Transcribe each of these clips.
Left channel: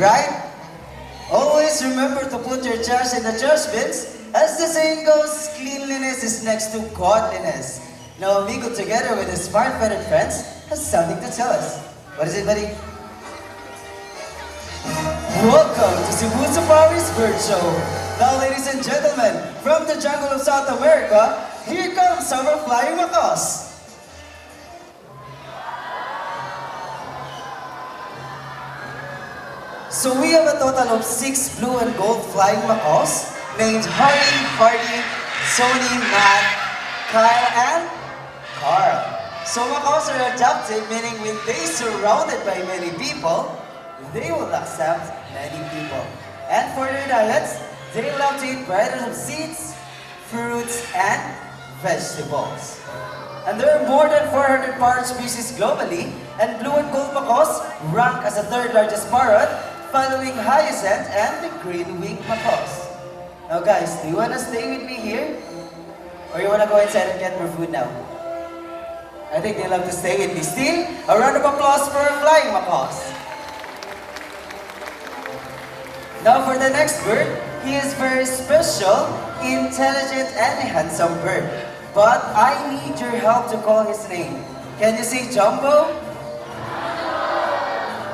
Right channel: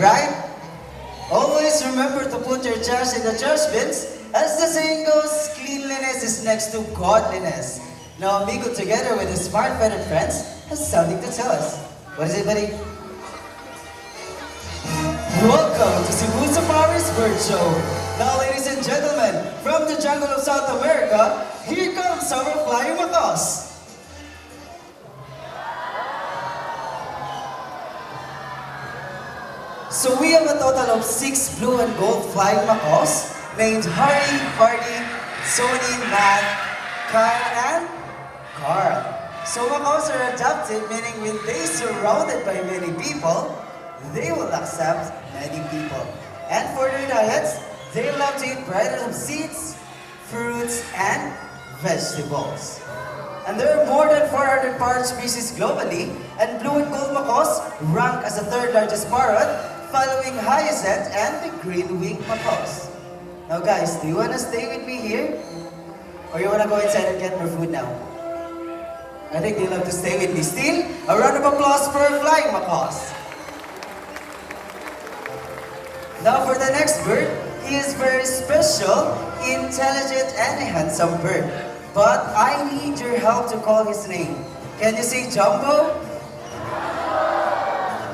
Right? Always remember to put your trash in the trash bins. As the saying goes, cleanliness is next to godliness. Now, Amigo, together with his smart-footed friends, has something to tell us. What is it, buddy? Welcome to Cebu Safari's Bird Show. Now, ladies and gentlemen, from the jungle of South America, here comes our flying macaws. So we have a total of 6 blue and gold flying macaws named Harry, Hardy, Sony, Matt, Kyle, and Carl. So macaws are adaptive, meaning when they surrounded by many people, they will accept many people. And for their diets, they will have to eat varieties of seeds, fruits, and vegetables. And there are more than 400 parrot species globally, and blue and gold macaws rank as the third largest parrot, following hyacinth and the green-winged macaws. Now guys, do you want to stay with me here? Or you want to go inside and get more food now? I think they love to stay with me. Still, a round of applause for our flying macaws. Now for the next bird, he is very special, intelligent, and a handsome bird. But I need your help to call his name. Can you say Jumbo?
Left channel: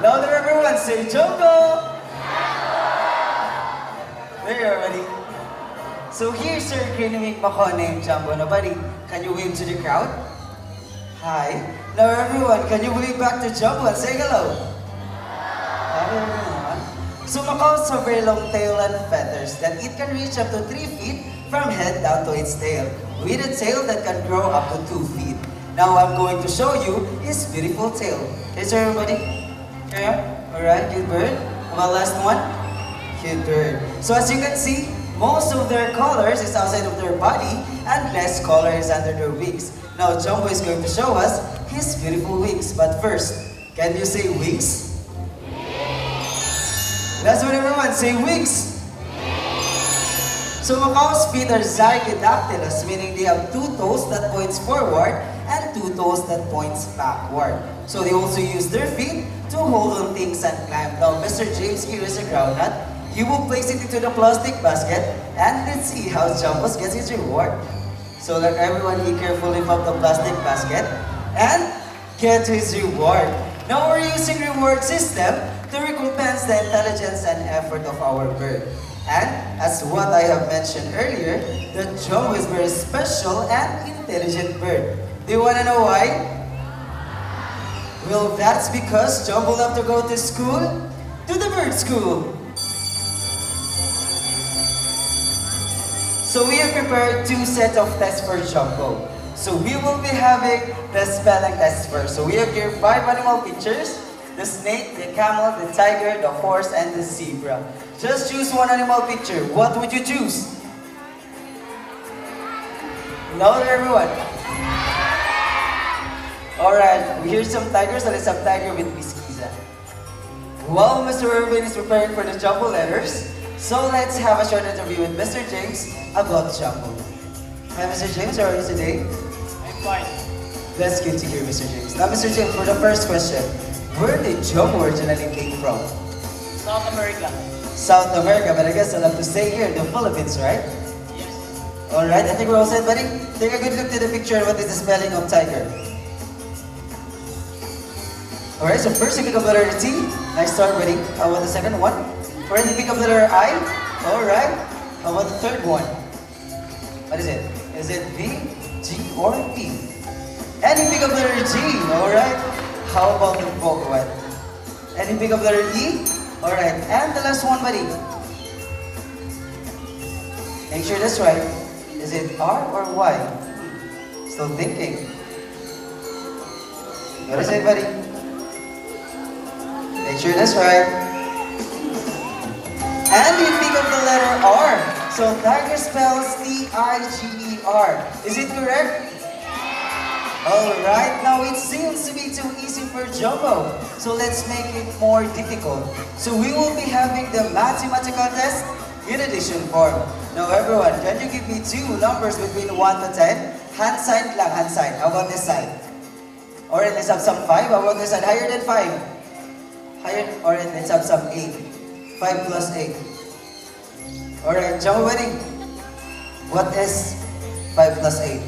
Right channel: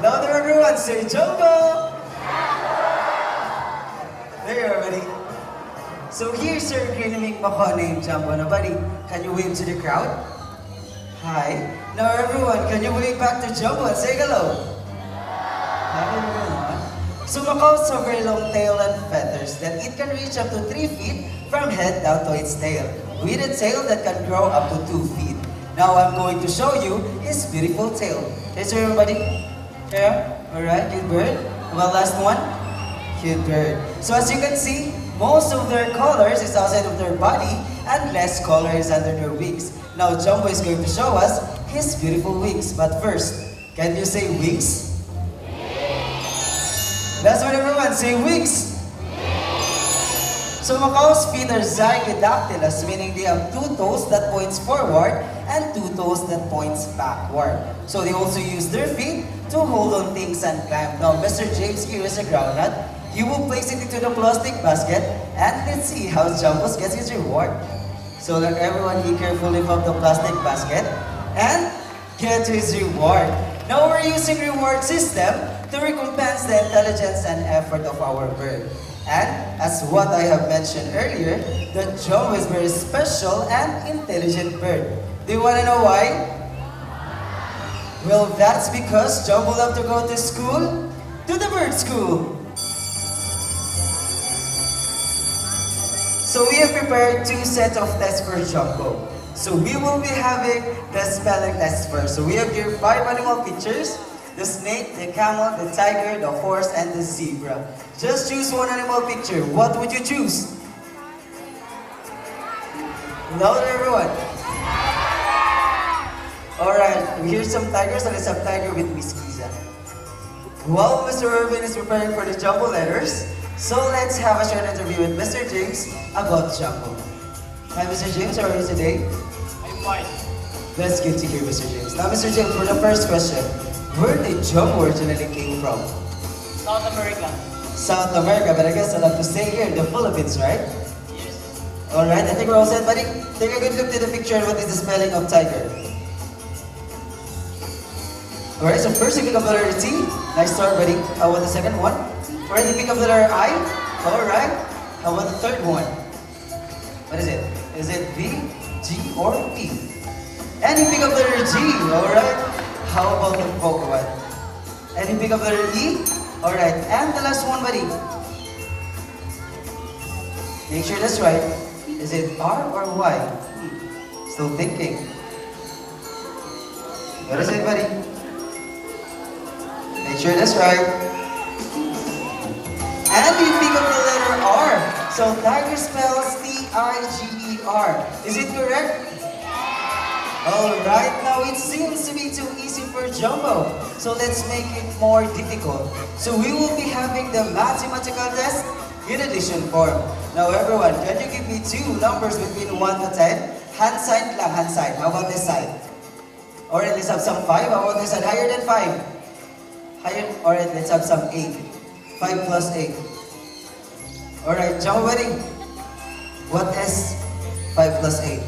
Louder everyone, say Jumbo! There you are, buddy. So here's our green-winged macaw named Jumbo. Now, buddy, can you wave to the crowd? Hi. Now, everyone, can you wave back to Jumbo and say hello? So macaws have very long tail and feathers that it can reach up to 3 feet from head down to its tail, with a tail that can grow up to 2 feet. Now I'm going to show you his beautiful tail. Is there everybody? Okay, alright, cute bird. Well, last one. Cute bird. So as you can see, most of their colors is outside of their body and less color is under their wings. Now Jumbo is going to show us his beautiful wings. But first, can you say wings? Last one everyone, say wings. So macaws' feet are zygidactylous, meaning they have 2 toes that points forward and 2 toes that points backward. So they also use their feet to hold on things and climb. Now Mr. James here is a groundnut. He will place it into the plastic basket and let's see how Jumbo gets his reward. So let everyone be careful, lift up the plastic basket and get his reward. Now we're using reward system to recompense the intelligence and effort of our bird. And as what I have mentioned earlier, the Jumbo is very special and intelligent bird. Do you want to know why? Well, that's because Jumbo love to go to school, to the bird school. So we have prepared 2 sets of tests for Jumbo. So we will be having the spelling test first. So we have here 5 animal pictures. The snake, the camel, the tiger, the horse, and the zebra. Just choose one animal picture. What would you choose? Louder everyone. Alright, here's some tigers. So let's have tiger with Miss Kiza. While Mr. Irvin is preparing for the Jumbo letters, so let's have a short interview with Mr. James about Jumbo. Hi Mr. James, how are you today? I'm fine. That's good to hear, Mr. James. Now Mr. James, for the first question, where did Jumbo originally came from? South America. South America, but I guess I'll have to stay here, the Philippines, right? Yes. Alright, I think we're all set, buddy. Take a good look to the picture. What is the spelling of tiger? Alright, so first you pick up the letter T. Nice start, buddy. How about the second one? Alright, you pick up the letter I. Alright. How about the third one? What is it? Is it V, G, or P? And you pick up the letter G. Alright. How about the book one? And you pick up the letter E? Alright, and the last one, buddy. Make sure that's right. Is it R or Y? Still thinking. What is it, buddy? Make sure that's right. And you pick up the letter R. So tiger spells T-I-G-E-R. Is it correct? Alright, now it seems to be too easy for Jumbo. So let's make it more difficult. So we will be having the mathematical test in addition form. Now everyone, can you give me 2 numbers between 1 to 10? Hand side lang, hand side. How about this side? Alright, let's have some 5. How about this side? Higher than 5. Higher, alright, let's have some 8. 5 plus 8. Alright, Jumbo Buddy. What is 5 plus 8?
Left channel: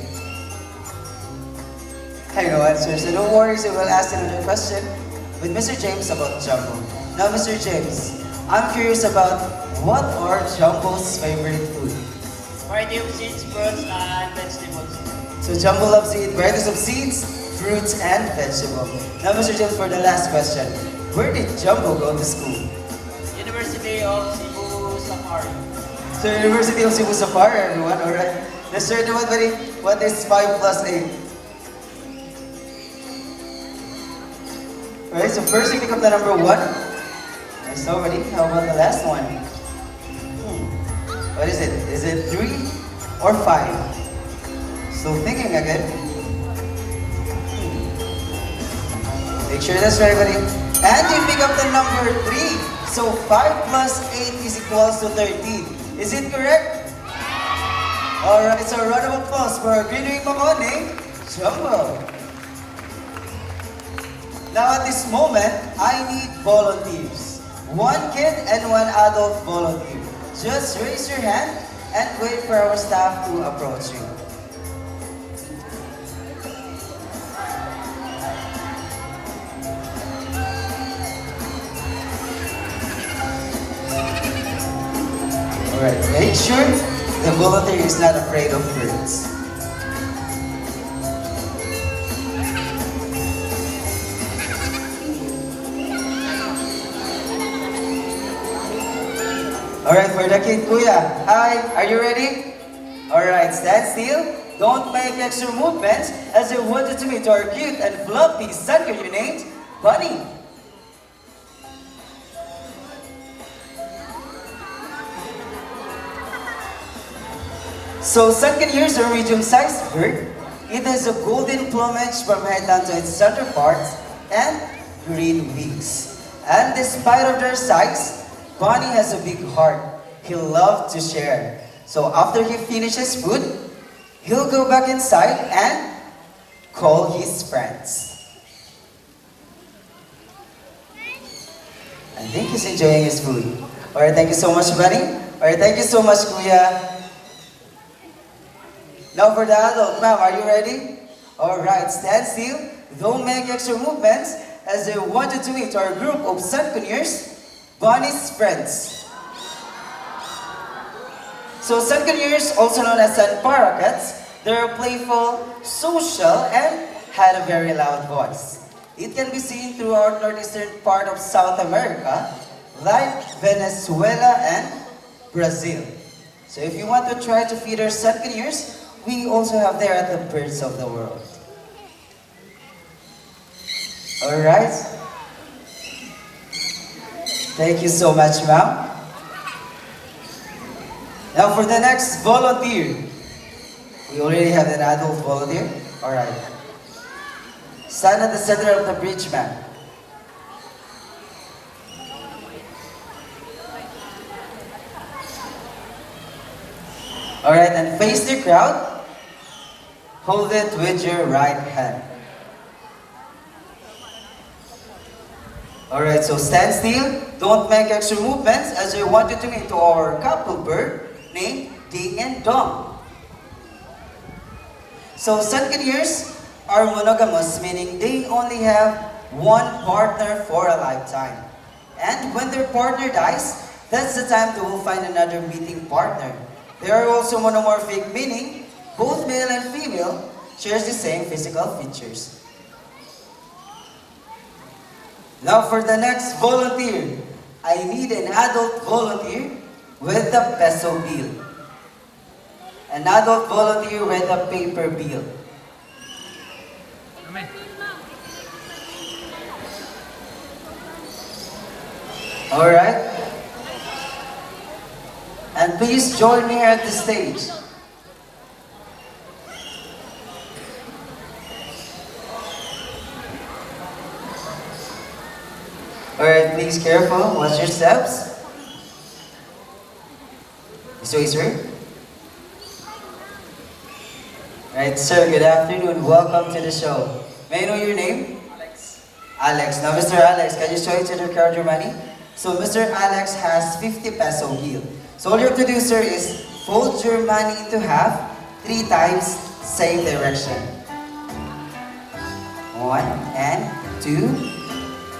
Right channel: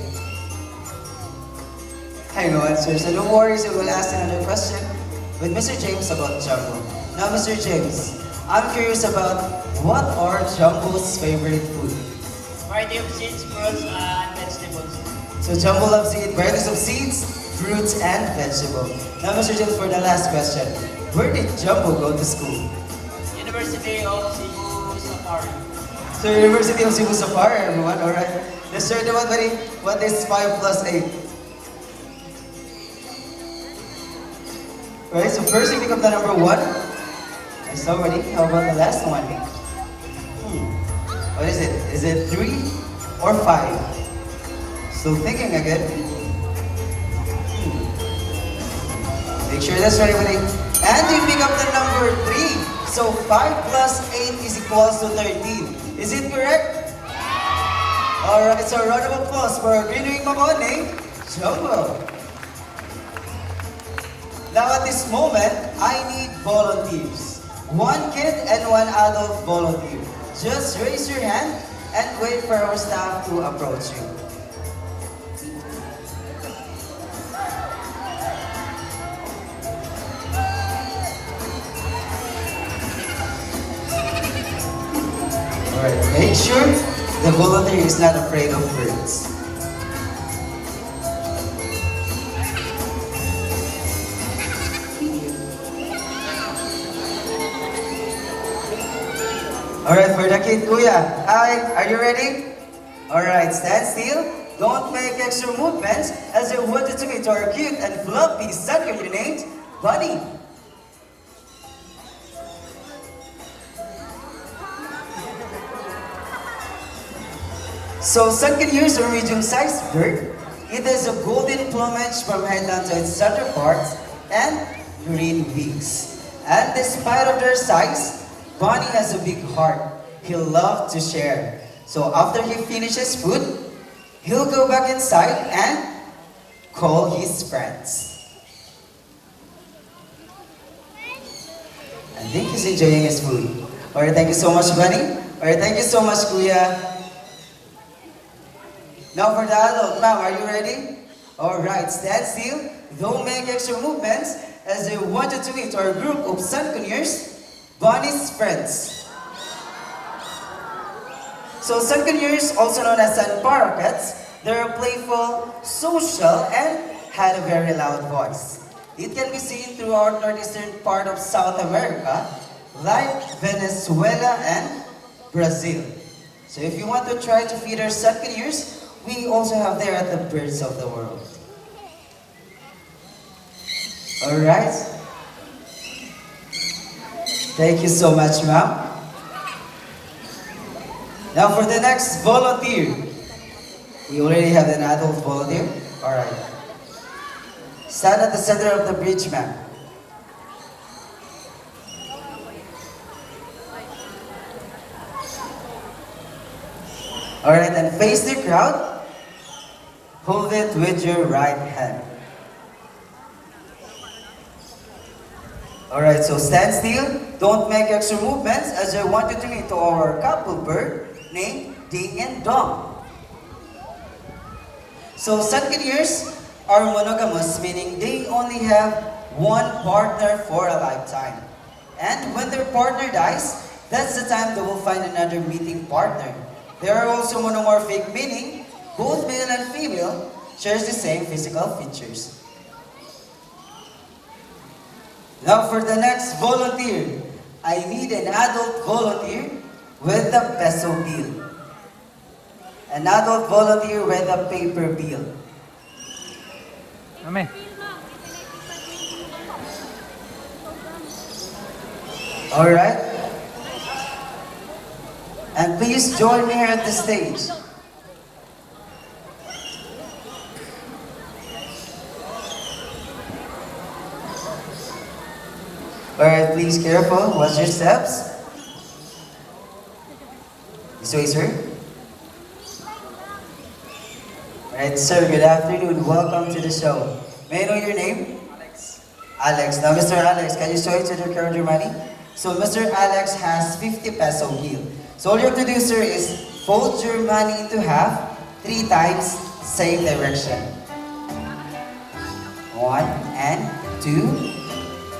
I know answer, so no worries, I will ask another question with Mr. James about Jumbo. Now, Mr. James, I'm curious about what are Jumbo's favorite food? Variety of seeds, fruits, and vegetables. So Jumbo loves to eat varieties of seeds, fruits, and vegetables. Now, Mr. James, for the last question, where did Jumbo go to school? University of Cebu, Samara. So, University of Cebu Sapar, everyone, alright? Let's start naman, buddy. What is 5 plus 8? Alright, so first you pick up the number 1. It's already. How about the last one? What is it? Is it 3 or 5? So thinking again. Make sure that's right, buddy. And you pick up the number 3. So 5 plus 8 is equals to 13. Is it correct? Alright, so a round of applause for our green wing Makone, Jumbo. Now at this moment, I need volunteers. 1 kid and 1 adult volunteer. Just raise your hand and wait for our staff to approach you. Alright, make sure the volunteer is not afraid of birds. Alright, for the kid, Kuya. Hi, are you ready? Alright, stand still. Don't make extra movements as you wanted to meet to our cute and fluffy son you named Bunny. So, Sunken-ears are a medium-sized bird. It has a golden plumage from head down to its center parts and green wings. And despite of their size, Bunny has a big heart. He'll love to share. So after he finishes food, he'll go back inside and call his friends. I think he's enjoying his food. Alright, thank you so much, Bunny. Alright, thank you so much, Kuya. Now for the adult, ma'am, are you ready? Alright, stand still. Don't make extra movements as I wanted to meet our group of Sunken-ears, Bunny's friends. So Sunken-ears, also known as sun parakeets, they are playful, social, and had a very loud voice. It can be seen throughout northeastern part of South America, like Venezuela and Brazil. So if you want to try to feed our Sunken-ears, we also have there at the Birds of the World. Alright. Thank you so much, ma'am. Now for the next volunteer. We already have an adult volunteer. Alright. Stand at the center of the bridge, ma'am. Alright, and face the crowd. Hold it with your right hand. Alright, so stand still. Don't make extra movements as I want you to meet our couple bird named Ding and Dong. So Sunken-ears are monogamous, meaning they only have one partner for a lifetime. And when their partner dies, that's the time they will find another meeting partner. They are also monomorphic, meaning both male and female shares the same physical features. Now for the next volunteer, I need an adult volunteer with the peso bill. An adult volunteer with a paper bill. Alright? And please join me at the stage. Alright, please careful. Watch your steps. Mr. Acer. Alright, sir, good afternoon. Welcome to the show. May I know your name? Alex. Alex. Now, Mr. Alex, can you show it to the crowd your money? So Mr. Alex has 50 peso bill. So all you have to do, sir, is fold your money into half 3 times, same direction. 1 and 2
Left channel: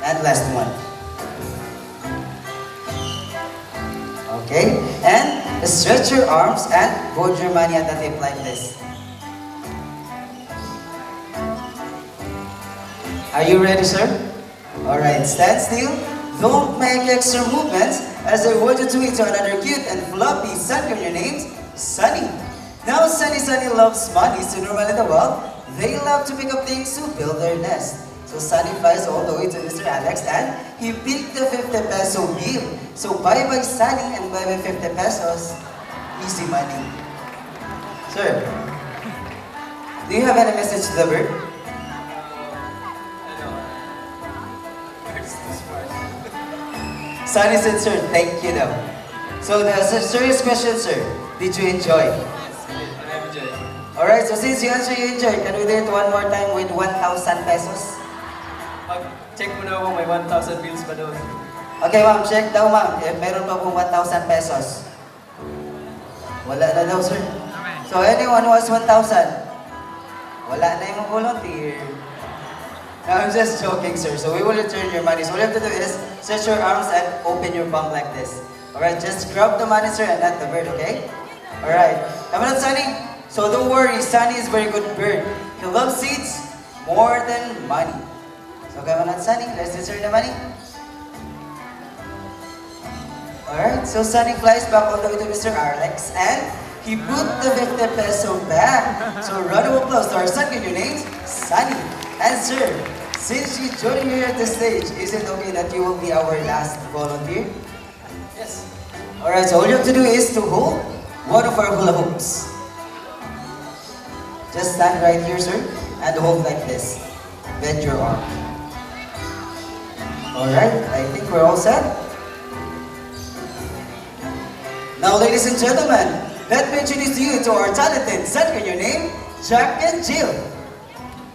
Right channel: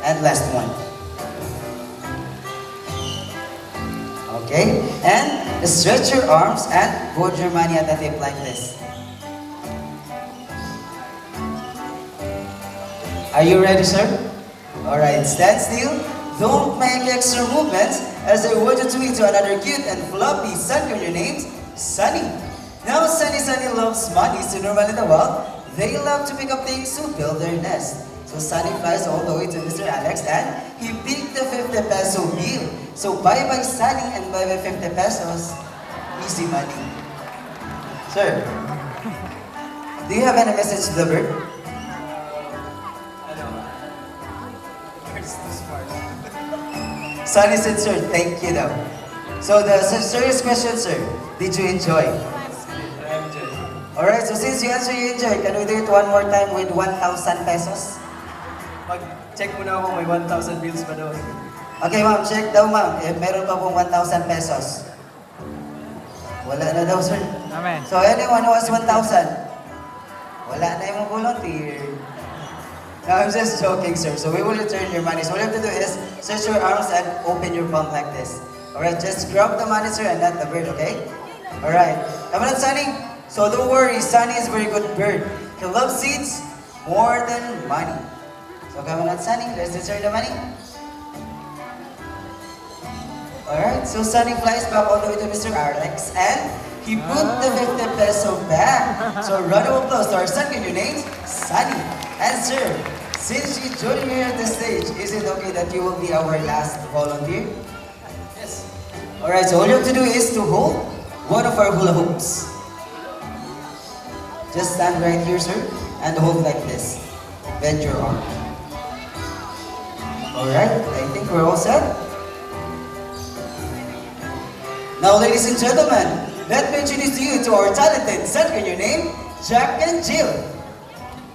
and last one. Okay, and stretch your arms and hold your money at the tip like this. Are you ready, sir? Alright, stand still. Don't make extra movements as I want you to into another cute and fluffy sun on your names, Sunny. Now, Sunny loves money, so normally in the world, they love to pick up things to build their nest. So Sunny flies all the way to Mr. Alex and he picked the 50 peso bill. So bye-bye Sunny and bye-bye 50 pesos. Easy money. Sir, do you have any message to the bird? Sunny said, sir, thank you though. So the serious question, sir, did you enjoy? Alright, so since you answer you enjoy, can we do it one more time with 1,000 pesos? Check mo na ako, may 1,000 bills pa doon. Okay ma'am, check daw ma'am, if meron pa po 1,000 pesos. Wala na daw sir. So anyone who has 1,000, wala na yung volunteer. No, I'm just joking, sir. So we will return your money. So what you have to do is stretch your arms and open your palm like this. Alright, just grab the money, sir, and not the bird, okay? Alright. Come on, Sunny. So don't worry, Sunny is a very good bird. He loves seeds more than money. So come on, Sunny. Let's insert the money. Alright, so Sunny flies back all the way to Mr. Alex and he put the 50 peso back. So round of applause to our second your names, Sunny. And sir, since you joined here at the stage, is it okay that you will be our last volunteer? Yes. Alright, so all you have to do is to hold one of our hula hoops. Just stand right here, sir, and hold like this. Bend your arm. Alright, I think we're all set. Now, ladies and gentlemen, let me introduce you to our talented set. Can your name? Jack and Jill.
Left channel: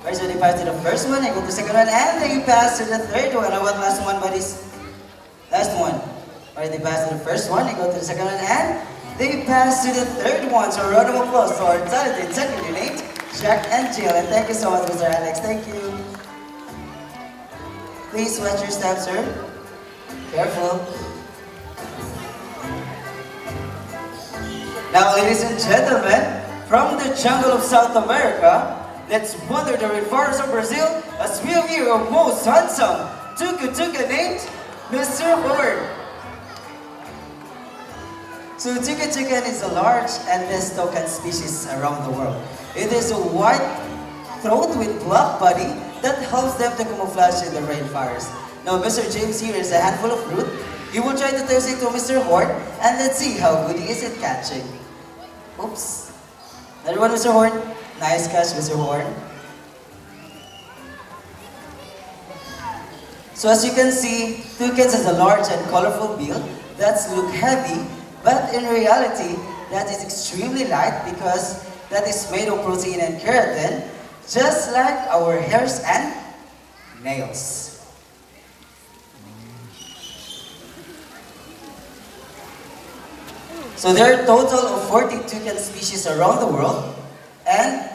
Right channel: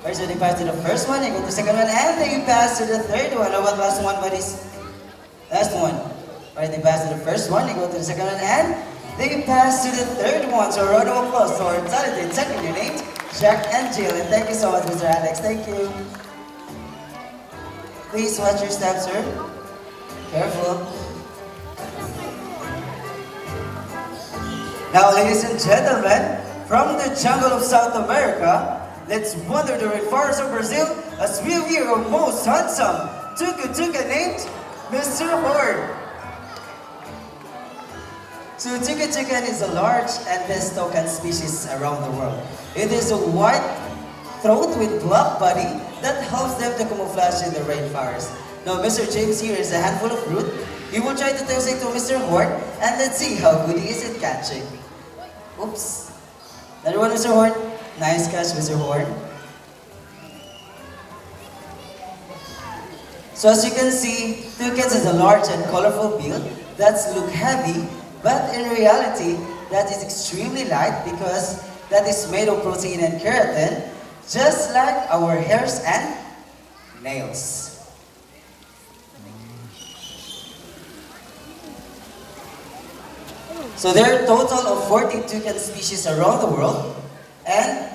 Right, so they pass to the first one, they go to the second one, and they pass to the third one. Or what last one, buddies? Last one. Alright, they pass to the first one, they go to the second one, and they pass to the third one. So a round of applause to our talented set. Can your name? Jack and Jill. And thank you so much, Mr. Alex. Thank you. Please watch your step, sir. Careful. Now, ladies and gentlemen, from the jungle of South America, let's wander the rainforests of Brazil as we view our most handsome tuca named Mr. Horn. So tuca is a large and best toucan species around the world. It is a white throat with black body that helps them to camouflage in the rainforest. Now, Mr. James here is a handful of fruit. He will try to toss it to Mr. Horn, and let's see how good he is at catching. Oops. Another one, Mr. Horn. Nice catch, Mr. Horn. So as you can see, toucans has a large and colorful bill that's look heavy, but in reality, that is extremely light because that is made of protein and keratin, just like our hairs and nails. So there are a total of 40 toucan species around the world, and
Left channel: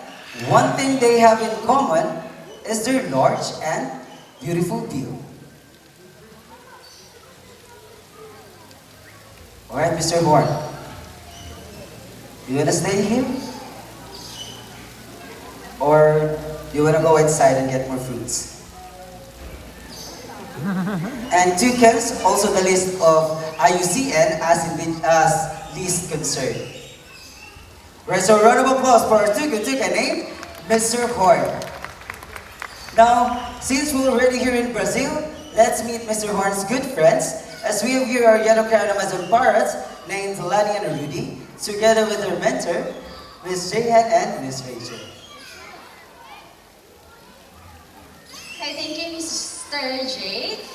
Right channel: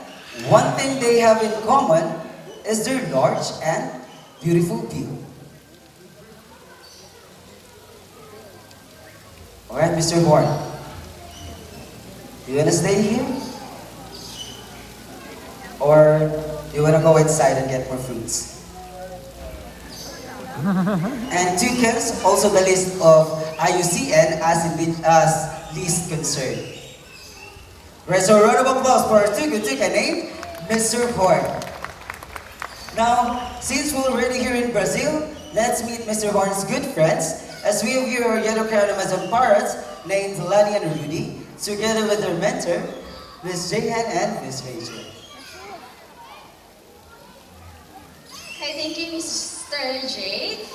one thing they have in common is their large and beautiful bill. Alright, Mr. Horn, do you want to stay here? Or do you want to go inside and get more fruits? And toucans, also the list of IUCN as least concern. Right, so a round of applause for our toucan named Mr. Horn. Now, since we're already here in Brazil, let's meet Mr. Horn's good friends as we have here our yellow crown Amazon parrots named Lani and Rudy, together with their mentor, Miss Jahan and Miss Rachel. Okay, thank you, Mr. Jade.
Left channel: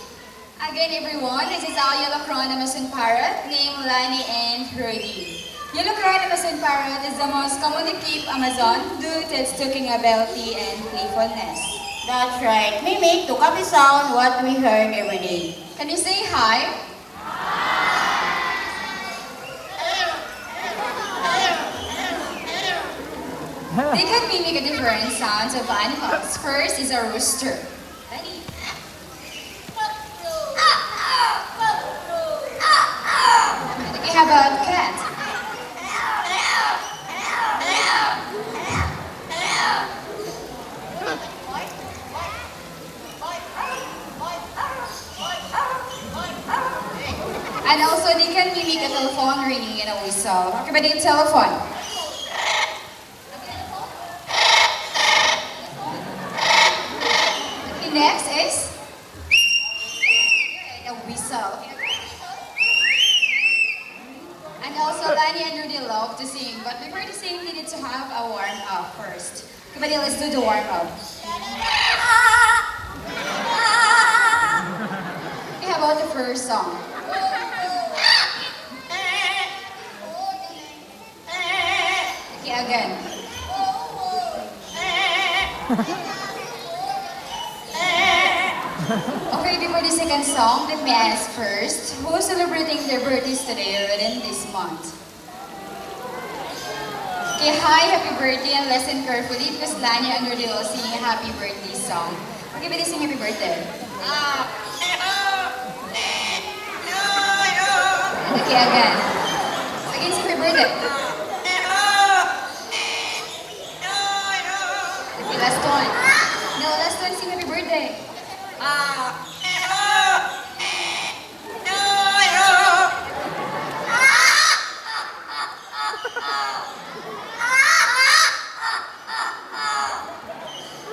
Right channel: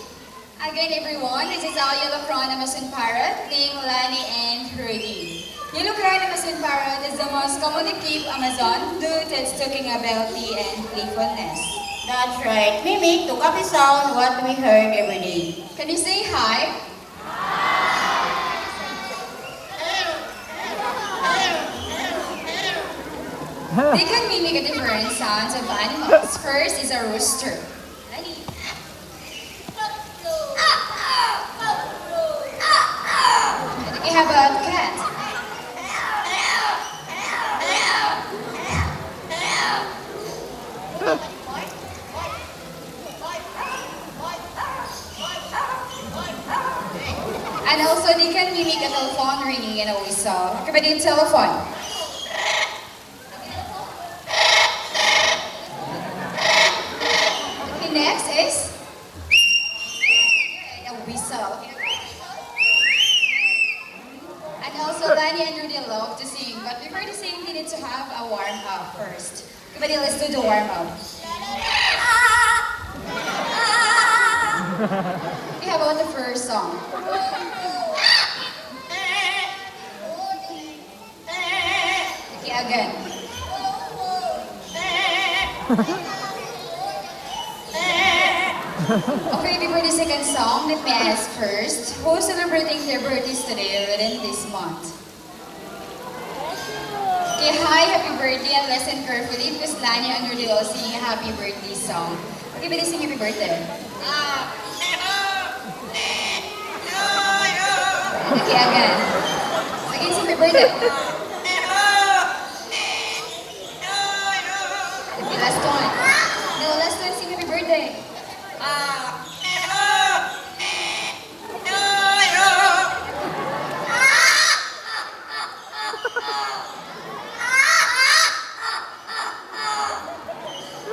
Again, everyone, this is our yellow crown Amazon parrot named Lani and Rudy. Yellow crown Amazon parrot is the most commonly kept Amazon due to its talking ability and playfulness. That's right. We make Tukapi sound what we heard every day. Can you say hi? They can mimic different sounds of animals. First is a rooster. Ready? Okay, how about cat? And also, they can mimic a telephone ringing in a whistle. Okay, but in telephone. Okay, next is a whistle. And also, Danny and Rudy love to sing, but before they sing, they need to have a warm-up first. Okay, let's do the warm-up. Okay, how about the first song? Okay, again. Okay, before the second song, let me ask first, who's celebrating their birthdays today within this month? Okay, hi, happy birthday, and listen carefully because Lani and Rudy will sing a happy birthday song. Okay, but sing happy birthday. Okay, again. Again, sing happy birthday. Okay, last one. No, last one, sing happy birthday.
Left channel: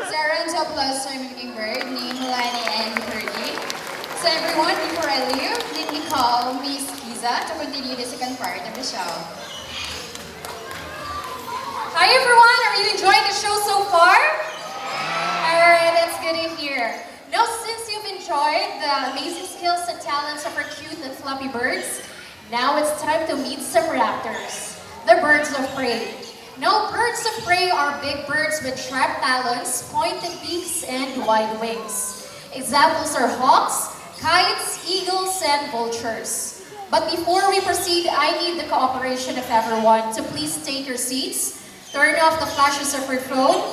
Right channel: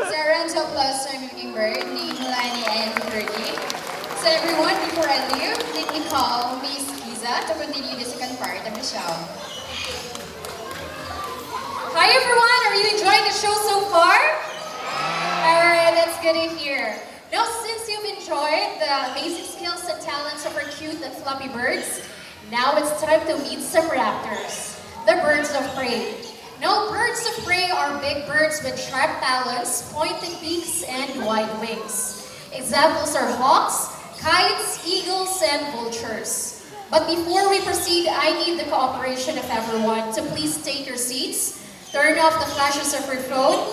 So, a round of applause for Mimicking Bird, named Lani and Fergie. So, everyone, before I leave, let me call Miss Giza to continue the second part of the show. Hi, everyone. Are you enjoying the show so far? Alright, that's good to hear. Now, since you've enjoyed the amazing skills and talents of our cute and fluffy birds, now it's time to meet some raptors, the birds of prey. Now, birds of prey are big birds with sharp talons, pointed beaks, and wide wings. Examples are hawks, kites, eagles, and vultures. But before we proceed, I need the cooperation of everyone to please take your seats, turn off the flashes of your phone,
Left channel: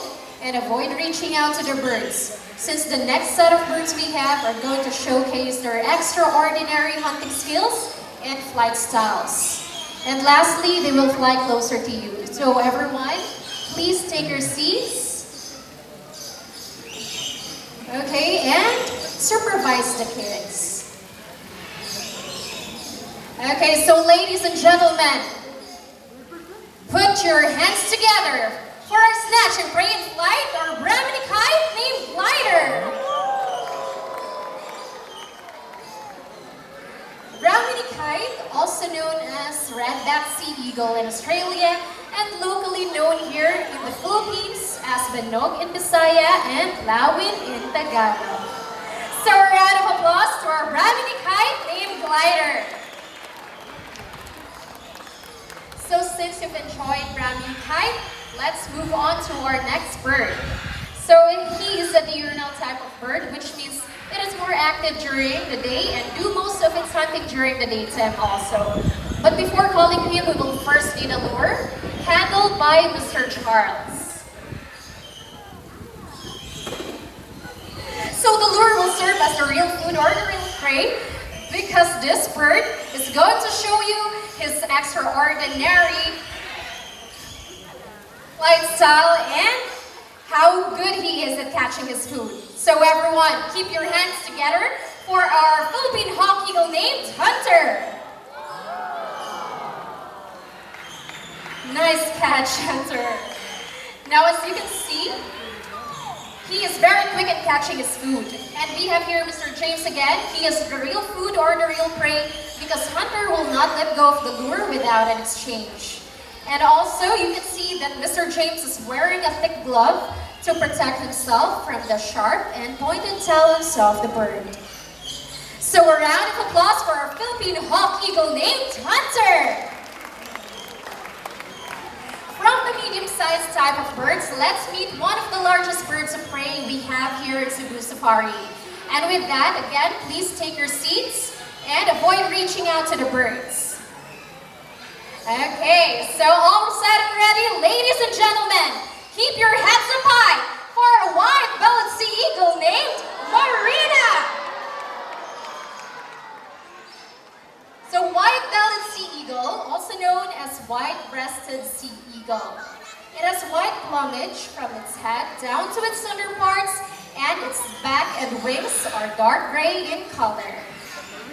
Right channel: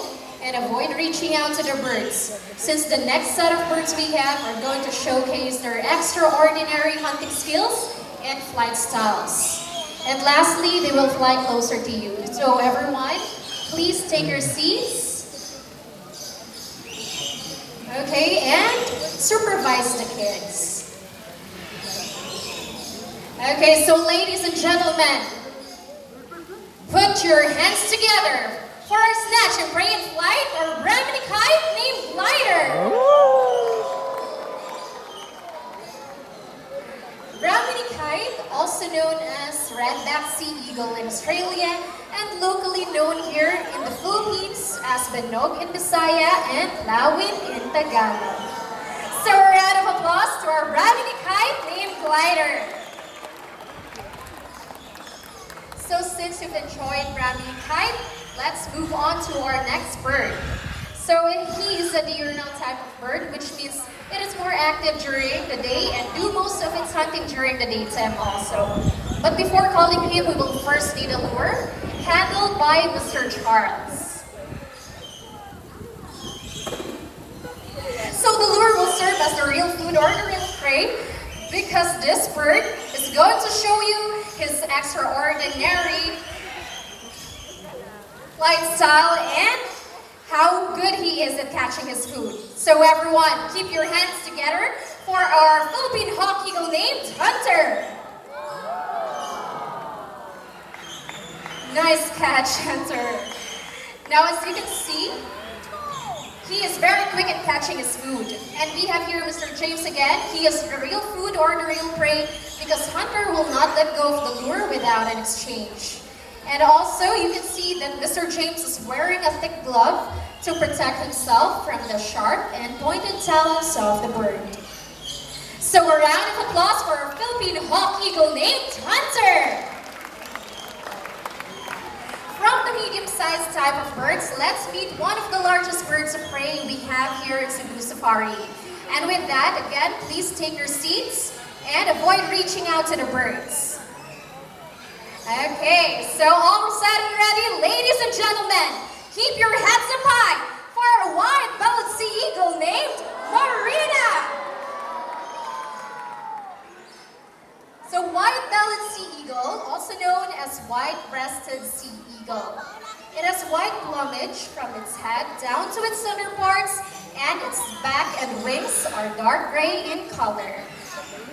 and avoid reaching out to the birds, since the next set of birds we have are going to showcase their extraordinary hunting skills and flight styles. And lastly, they will fly closer to you. So everyone, please take your seats. Okay, and supervise the kids. Okay, so ladies and gentlemen, put your hands together for our snatch and pray in flight or Brahmini kite named Glider. Brahmini kite, also known as red-backed sea eagle in Australia and locally known here in the Philippines as Banog in Bisaya and Lawin in Tagalog. So a round of applause to our Brahmini kite named Glider. So since you've enjoyed Brahmini kite, let's move on to our next bird. So he is a diurnal type of bird, which means it is more active during the day and do most of its hunting during the daytime also. But before calling him, we will first need a lure, handled by Mr. Charles. So the lure will serve as the real food or the real prey, because this bird is going to show you his extraordinary lifestyle and how good he is at catching his food. So everyone, keep your hands together for our Philippine hawk eagle named Hunter. Nice catch, Hunter. Now as you can see, he is very quick at catching his food. And we have here Mr. James again. He is the real food or the real prey because Hunter will not let go of the lure without an exchange. And also, you can see that Mr. James is wearing a thick glove to protect himself from the sharp and pointed talons of the bird. So a round of applause for our Philippine hawk eagle named Hunter! From the medium-sized type of birds, let's meet one of the largest birds of prey we have here at Cebu Safari. And with that, again, please take your seats and avoid reaching out to the birds. Okay, so all set and ready, ladies and gentlemen, Keep your heads up high for a white-bellied sea eagle named Marina. So white-bellied sea eagle, also known as white-breasted sea eagle. It has white plumage from its head down to its underparts, and its back and wings are dark gray in color.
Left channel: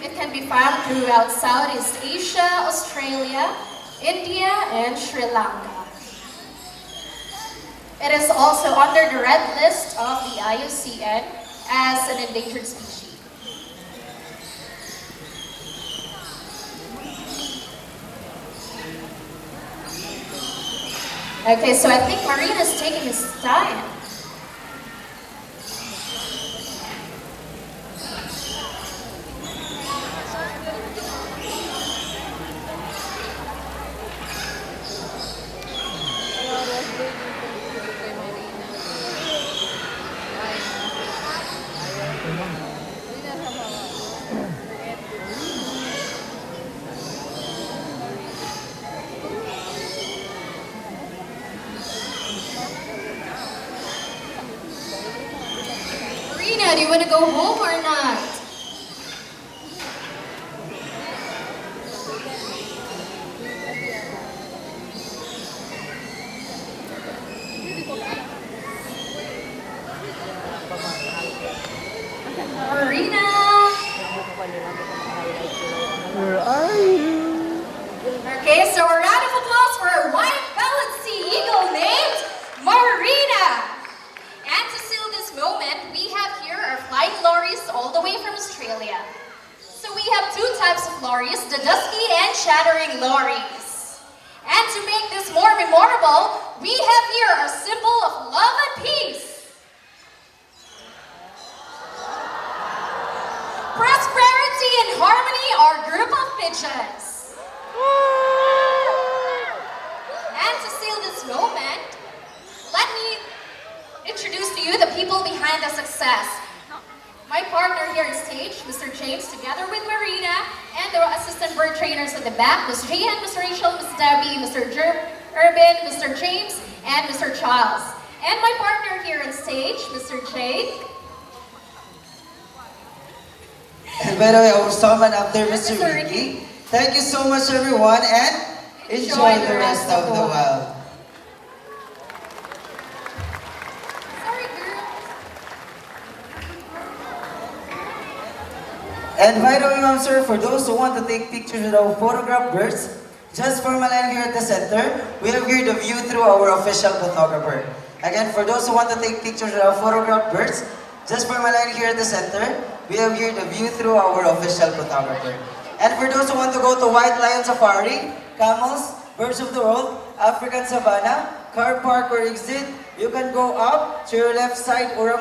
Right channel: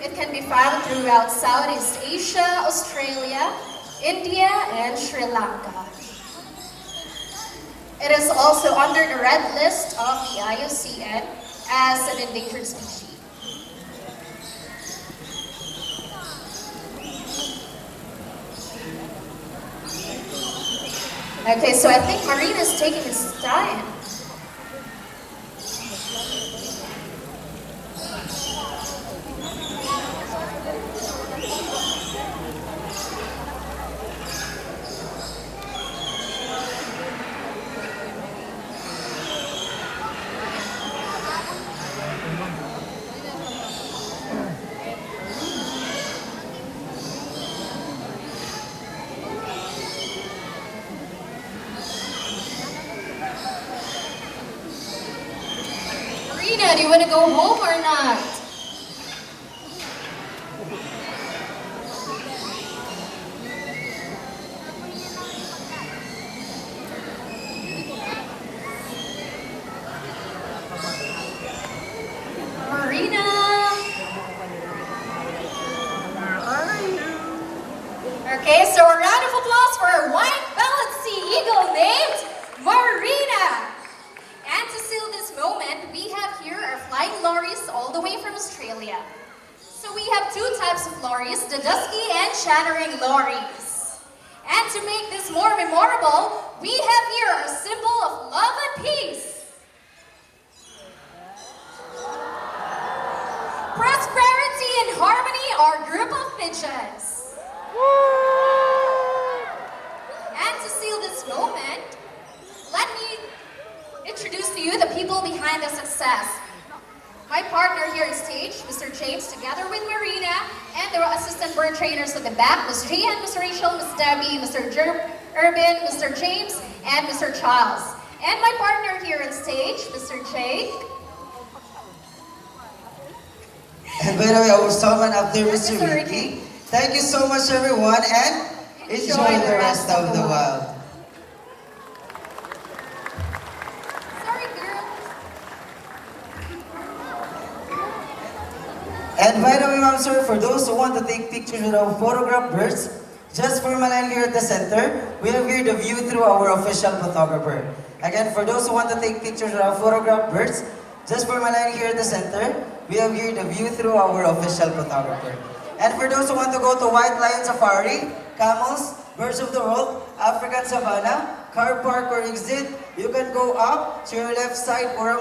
It can be found throughout Southeast Asia, Australia, India, and Sri Lanka. It is also under the red list of the IUCN as an endangered species. Okay, so I think Marina's taking his time. Marina, do you want to go home or not? Marina! Where are you? Okay, so a round of applause for our white-bellied sea eagle named Marina! And to seal this moment, we have here our flying lorries all the way from Australia. So we have two types of lorries, the dusky and shattering lorries. And to make this more memorable, we have here a symbol of love and peace. Prosperity and harmony are a group of pigeons. And to seal this moment, let me introduce to you the people behind the success. My partner here on stage, Mr. James, together with Marina, and the assistant bird trainers at the back, Ms. Gian, Ms. Rachel, Ms. Debbie, Mr. Urban, Mr. James, and Mr. Charles. And my partner here on stage, Mr. Jake. And by the way, our songman up there, Mr. Mr. Ricky. Thank you so much, everyone, and enjoy the rest of the wild. Sorry, girl. And by the way, ma'am, sir, for those who want to take pictures with our photograph birds, just form a line here at the center. We'll give the view through our official photographer. Again, for those who want to take pictures with our photograph birds, just form a line here at the center. We have here the view through our official photographer. And for those who want to go to White Lion Safari, camels, birds of the world, African savanna, car park or exit, you can go up to your left side or